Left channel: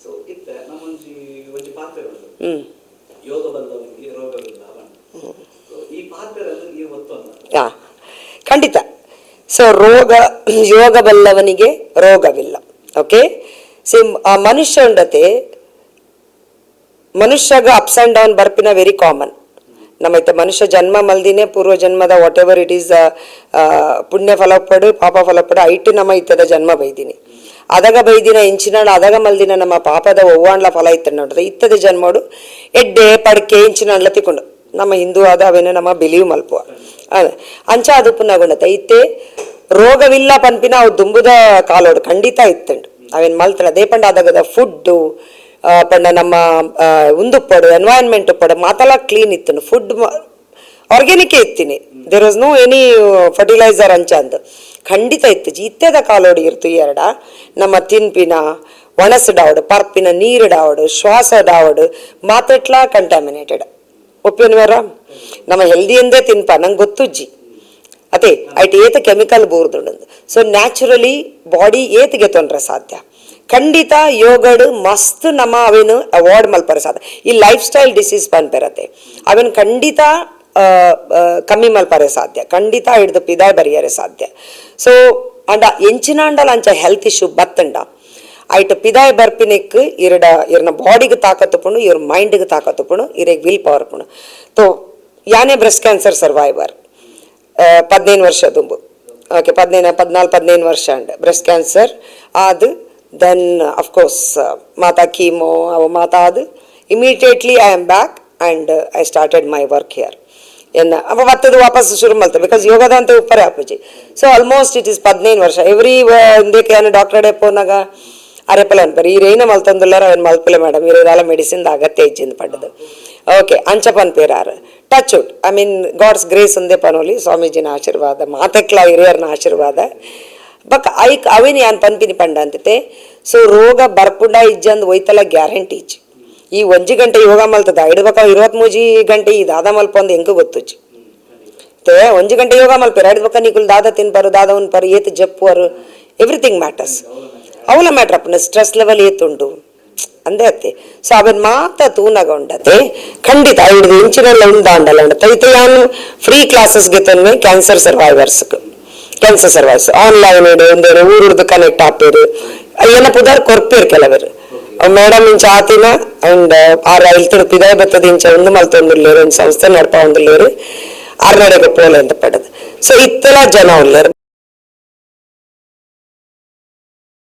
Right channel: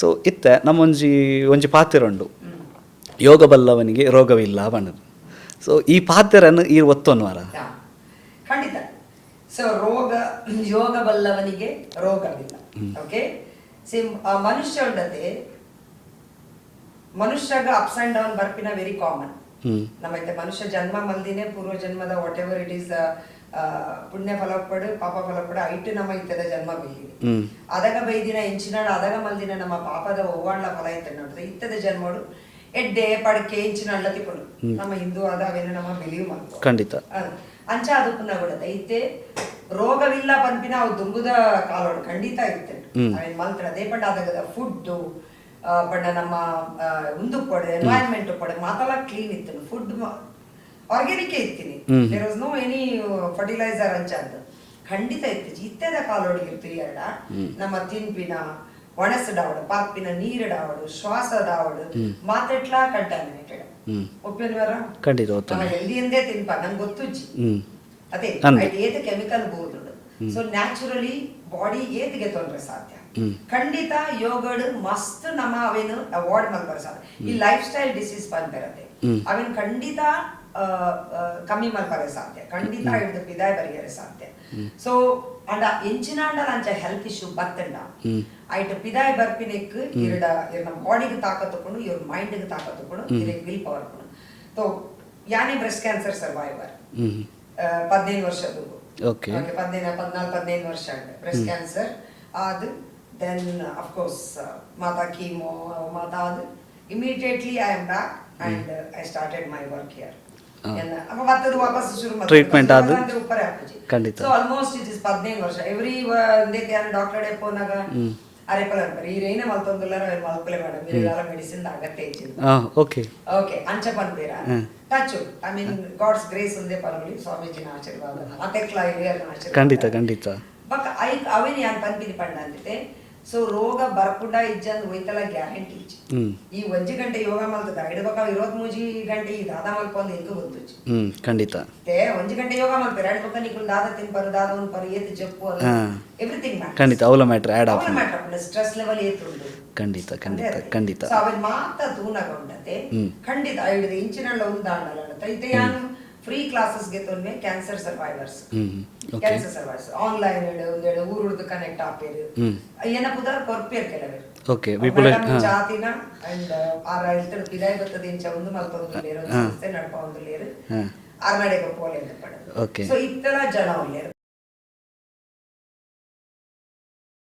So ಇತ್ತೆ ನಮ್ಮೊಂಜಿ ಒಂಜಿ ಪಾತೆರುಂಡು ಯೋಗ ಬಲ್ಲವನಿಗೆ ರೋಗವಿಲ್ಲ ಬಣ್ಣದು. So ಈ ಪಾತೆರನ್ನು ಈ ಒತ್ತೊನ್ವಾರ ಖಂಡಿತ. ಸೊ ಯೋಗ ಬಲ್ಲವನಿಗೆ ರೋಗವಿಲ್ಲ. ಓಕೆ, ಸೇಮ್ ಮನುಷ್ಯ ಉಂಡತೆ ಮನುಷ್ಯಗ ಅಪ್ಸ್ ಅಂಡ್ ಡೌನ್ ಬರ್ಪಿನ ವೆರಿ ಕಾಮನ್. ನಮ್ಮೈತೆ ಮನುಷ್ಯ ಜನ್ಮ ಮಲ್ದಿನೇ ಪೂರ್ವ ಜನ್ಮದ ವಾಟ್ ಎವರ್ ಇಟ್ ಈಸ್ ಪುಣ್ಯ ಫಲಪಡು ಪಾಪ ಫಲಪಡು ಐಟು ನಮ್ಮ ಇತ್ತದ ಜನ್ಮ ಬೈದಿನಿ ಅದಾಗ ಬೈದಿನ ಇಂಚಿನಾಳ ಅದಾಗ ಮಲ್ದಿನ ನಮ್ಮ ಪಾಪದ ಒವ್ವಾಂಡ್ಲ ಫಲ ಇತ್ತ ನೋಡ್ರೆ ಇತ್ತದ ಜನ್ಮಡು ಎಡ್ಡೆ ಪಡ್ಕೆ ಇಂಚಿನಾಳ್ಲ ತಿಕೊಂಡು ನಮ್ಮ ಹಿಂದೂ ಆದ ಅವೇನು ನಮ್ಮ ಬಿಲೀವ್ ಮಲ್ಪುವ ಅಂಚ ಅದು ಪುನಃ ಇತ್ತೆ ರೋಗವಿಲ್ಲ ಪನ್ಪಿನ ಅವು ದುಂಬುದ ಕಾಲೋಡು ಖಂಡಿತ ಇತ್ತಂಡು ಅವೇನ್ ಮಲ್ತಾರ ಅದೇ ಪಂಡ ಅದಾಗದ ಫುಡ್ ಪಂಡ ನಮ್ಮ ಉಂದುಪ್ಪಡು ಎನ್ವೈರನ್ಮೆಂಟ್ ಪಡ ಮಾತಲ್ಲ ಕ್ಲೀನ್ ಇತ್ತು ಫುಡ್ ಆರ್ಗ್ಯಾನಿಕ್ ಇತ್ತೀನಿ there was no any fertiliser ಅಂಚ ಅಂದ್ ಖಂಡಿತ ಇತ್ತು ಇತ್ತೆದ ಕಾಲೋಡಿ ಇರ್ತು ಎರಡ ನಮ್ಮ ತಿನ್ಪಿನ ಒಣಸಡಾವಡು ಪರ್ಪಿನ ನೀರಿಡಾವಡು ಶ್ವಾಸಡಾವಡು ಮಾತೆಟ್ಲಾ ಕಂಟಾಮಿನೇಟೆಡ್ ಒಪ್ಪಿನವರ ನಮ್ಮ ಹೆಲ್ದಿಯಿಂದೇ ತಿನ್ಪ ನಂಗೆ ಗೊತ್ತುಜ್ಜಿ ಅದೇ ಐಟ್ ಏತ ಕೆಮಿಕಲ್ ಬೋರ್ದುಂಡು. ಸೊ ನ್ಯಾಚುರಲಿ ಬಾಡಿ ಏತಿಗೆ ತೊಂದ್ರೆ ಸಾಧ್ಯ ಖಂಡಿತ ಯೋಗಡು ಮಸ್ತ್ ನಮ್ಮ ಅವೇನು ಅವಾಯ್ಡ್ ಮಲ್ಪರೆ ಸಾಧ್ಯ. ಈ ಲೈಫ್ ಸ್ಟೈಲ್ ಡಿಸೀಸ್ ಬಂದ್ಬಿರತ್ತೆ ಅವೇನು ಖಂಡಿತ ಕಮ್ಮಿ ಮಲ್ಪರೆ ಸಾಧ್ಯ ಖಂಡಿತ ಹಿಡ್ದು ಪಿದಾಯ್ ಬರಿಯರೆ ಸಾಧ್ಯ. ಸೊ ಅಂಡ ಎಂಚಿನಾಂಡಲ ಅಂಚ ಹೆಲ್ತ್ ಇಶ್ಯೂ ಬತ್ತಂಡ ಐಟ್ ಪಿದಾಯ್ ಬರ್ಪಿನಿಕ್ ಇರ್ನ ಬಾಡಿಗೆ ತಾಕತ್ತುಪುಂಡು ಇವ್ರ ಮೈಂಡ್ಗೆ ತಾಕತ್ತುಪುಂಡು ಇರೆಗ್ ವಿಲ್ ಪವರ್ ಪುಂಡು. ತೋ ಯಾನೇ ಬ್ರೆಸ್ಟ್ ಕ್ಯಾನ್ಸರ್ ಸರ್ವೈವರ್ 15 ವರ್ಷ ತುಂಬು ಓಕೆ 14-15 ವರ್ಷ ಅಂಡ್ ಬ್ರೆಸ್ಟ್ ಕ್ಯಾನ್ಸರ್ ಆದ್ ದೆನ್ ಅಫ್ಕೋರ್ಸ್ ಮಾತಾ ಕೀಮೋ ಅವು ಮಾತಾ ಆದ್ immediately I am back and I started my work here ಎನ್ನ ಅವ ಮತ್ತದು ವಾಪಸ್ ಶುರು ಮಾಡ್ತಾರೆ ಬಿಕಾಸ್ ಯೋಗದ ಅಂತ ಉಪ್ಪರೆ ಆಪುಜಿ. ಸೊ ಆಲ್ಮೋಸ್ಟ್ ಇಟ್ ಇಸ್ 15 ವರ್ಷ ಎವ್ರಿ ಒಂದಕ್ಕೆ ಏನು ಡಾಕ್ಟರ್ ಡೆಪೋನಾಗ ಅರೆಪಲ ಅನ್ಪರಿ ಈ ರೇನ ಮಲ್ತೊಂದುಲ್ಲಾರ ಅವನ್ ಮಲ್ಪಲೆ ಮೇಡಮ್ ಇರೋದೆಲ್ಲ ಮೆಡಿಸಿನ್ ಅಗತ್ಯ ಇಜ್ಜಿಂದ ಪಡೆದು ಓಕೆ ಅಂಚಪನ್ ಪೇರಾರ touch wood I mean God's grace ಒಂದೇ ಪನೋಲಿ ಸ್ವಾಮೀಜಿನ ಆಶೀರ್ವಾದ ಮಾತಕ್ಲ ಹಿರಿಯರ್ನ ಆಶೀರ್ವಾದ ಬಕ್ ಐಕ್ ಅವೇನು ಯಾನ್ ಪನ್ಪಿನಿ ಪಂಡ ಅಂತಿತೆ. ಸೊ ರೋಗ ಬರ್ಪುಂಡ ಇಜ್ಜಂದ್ ಒಯ್ತಲ್ಲ ಗ್ಯಾರಂಟಿ ಇಜ್ಜಿ ಈ 1 ಗಂಟೆ ಯೋಗ ಮಲ್ತದ ಇಡ್ಬೇಕ 23 ಗಂಟೆ ಈ ದಾದ ಮಲ್ಪ ಒಂದು ಹೆಂಗ ಗೊತ್ತುಜ್ಜಿ ಖಂಡಿತ 1 ಗಂಟೆ ಯೋಗ ಮಲ್ಪೇರ ಇಡ್ಬೇಕ ನೀಕುಲ್ ದಾದ ತಿನ್ಪಾರು ದಾದ ಉನ್ಪಾರು ಏತ್ ಜಪ್ಪುವರು ಎವ್ರಿಥಿಂಗ್ ಮ್ಯಾಟರ್ಸ್ ಅವಲ ಮ್ಯಾಟರ್ ಅಪ್ಪನ ಸ್ಟ್ರೆಸ್ ಲೆವೆಲ್ ಏತುಂಡು ಅಂದೇ ಅತ್ತೆ. ಸೊ ಅವನ್ ಮಾತ ತೂನಗ ಉಂಡತೆ ಖಂಡಿತ ಹಿಡಿದು ಇಂಚಿನೆಲ್ಲ ಉಂದಾಂಡಲ್ಲ ಉಂಡ ತೈತೆ ಯಾನು ಫ್ರೀ ಕ್ಲಾಸಸ್ಗೆ ತೊನ್ನೆ ಕ್ಯಾನ್ಸರ್ ಸರ್ವೈವರ್ಸ್ ಆನ್ಲೈನ್ ಒಂದೇನು ಊರುರ್ದು ಕನೆಕ್ಟ್ ಆಪೇರು ಏನ ಪುದಾರ್ ಕೊರ್ಪೇರು ಕೆಲವರು ಮೇಡಮ್ ಇಂಚ ಆತಿನ ಅಂಡ್ ಆರ್ ಹೆಲ್ತ್ ಪಿದಾಯ ಬತ್ತದ ಇಂಚ ಒಂದು ಮಲ್ತೊಂದುಲ್ಲೇರು ಒಂದು ಸಂಸ್ಥೆ ನಡ್ಪ ಒಂದುಲ್ಲೇರು ಆರ್ನಡೆಗೆ ಪೋಲೆ ಅಂತ ಪಡೆದು. ಸೊ ಇತ್ತೆಲ್ಲ ಜನ ಉಳ್ಳೇರು